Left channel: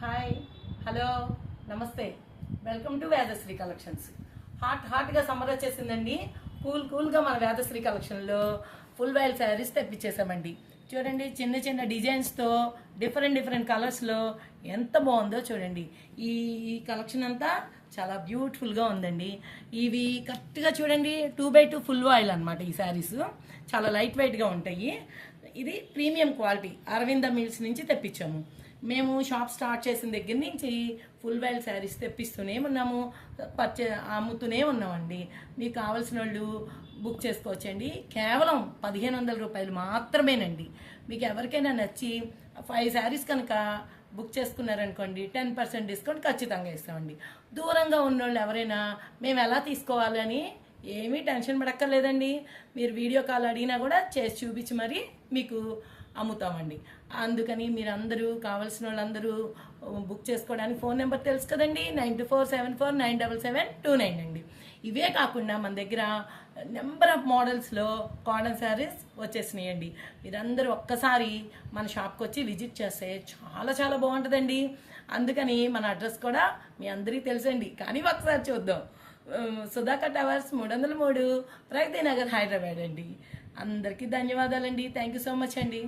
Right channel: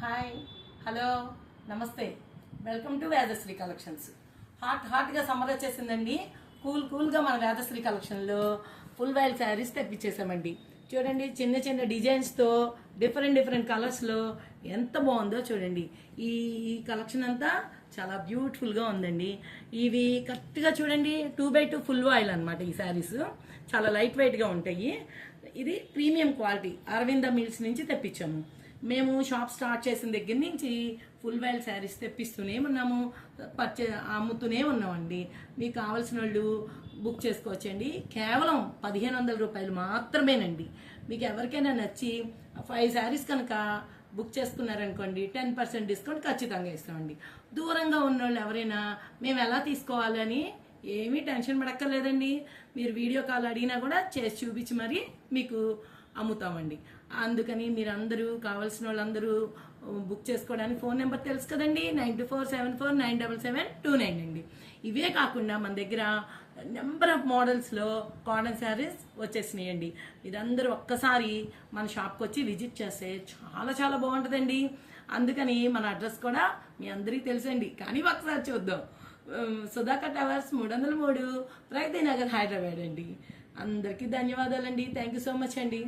Hi, hello, నమస్తే. Welcome to Vedasri collections. హాట్గా summer వచ్చేసిందండి. కూల్గా మన వేదశ్రీ కలెక్షన్లో ఫుల్ వైల్ శారీస్ తెప్పించేసామండి. చూడండి, చిన్న చిన్న డిజైన్స్తో డిఫరెంట్ కలర్స్లో ఎంత బాగుందో చూడండి. ఈ కలెక్షన్ అంతా చాలా బ్యూటిఫుల్గా ఉందండి. ఇవి కరెక్ట్గా చూడండి, 2x2 ఫుల్ వైల్ అనమాట. ఈ శారీస్ చాలా లైట్ వెయిట్గా ఉంటాయి. ఇది ప్రీమియం క్వాలిటీ అరవింద మిల్స్ నుంచి తెప్పించాము. మేము షాప్ స్టార్ట్ చేసిన దగ్గర నుంచి ఫుల్ వైల్ శారీస్ తెప్పిస్తూనే ఉన్నాము, అమ్ముతూనే ఉన్నామండి. మీకు కావాల్సిన వాళ్ళు బుక్ చేసుకోవచ్చండి. కేవలం 1500 రూపాయలు మాత్రమేనండి. మీకు ఎవరికైనా నచ్చి 5 శారీస్ కనుక బుక్ చేసుకున్నారనుకోండి, 10% డిస్కౌంట్ ఖచ్చితంగా ఇస్తామండి. దూరంగా ఉన్న వాళ్ళు ఎవరైనా మేము ఎలా తీసుకోవాలని ఏమీ టెన్షన్ పడక్కర్లేదండి. మీరు వీడియో కాల్ అడిగినా కూడా చేసి చూపించి మరీ మీకు అమ్ముతామండి. అందుకని మీరందరూ కావాల్సిన వాళ్ళందరూ బుక్ చేసుకోవడానికి ఫోన్ నెంబర్ తెలుసు కదండి, 9247497729 అండి. ఇవే కాకుండా మన దగ్గర నెంబర్ ఆఫ్ మోడల్స్లో కాటన్ శారీస్ వచ్చేసినాయండి. మీరందరూ ఒక్కసారి మన షాప్కి వచ్చి విజిట్ చేస్తే చాలా బాగుంటుందండి. అందుకని మన అడ్రస్ కూడా మీ అందరికీ తెలుసండి, కానీ ఒకసారి చూద్దాం. సుధాకర్ టవర్స్ 303 ప్రగతి నగర్, హైదరాబాద్ అండి. అందరికీ ధన్యవాదాలండి. థ్యాంక్ యూ సో మచ్ అండి.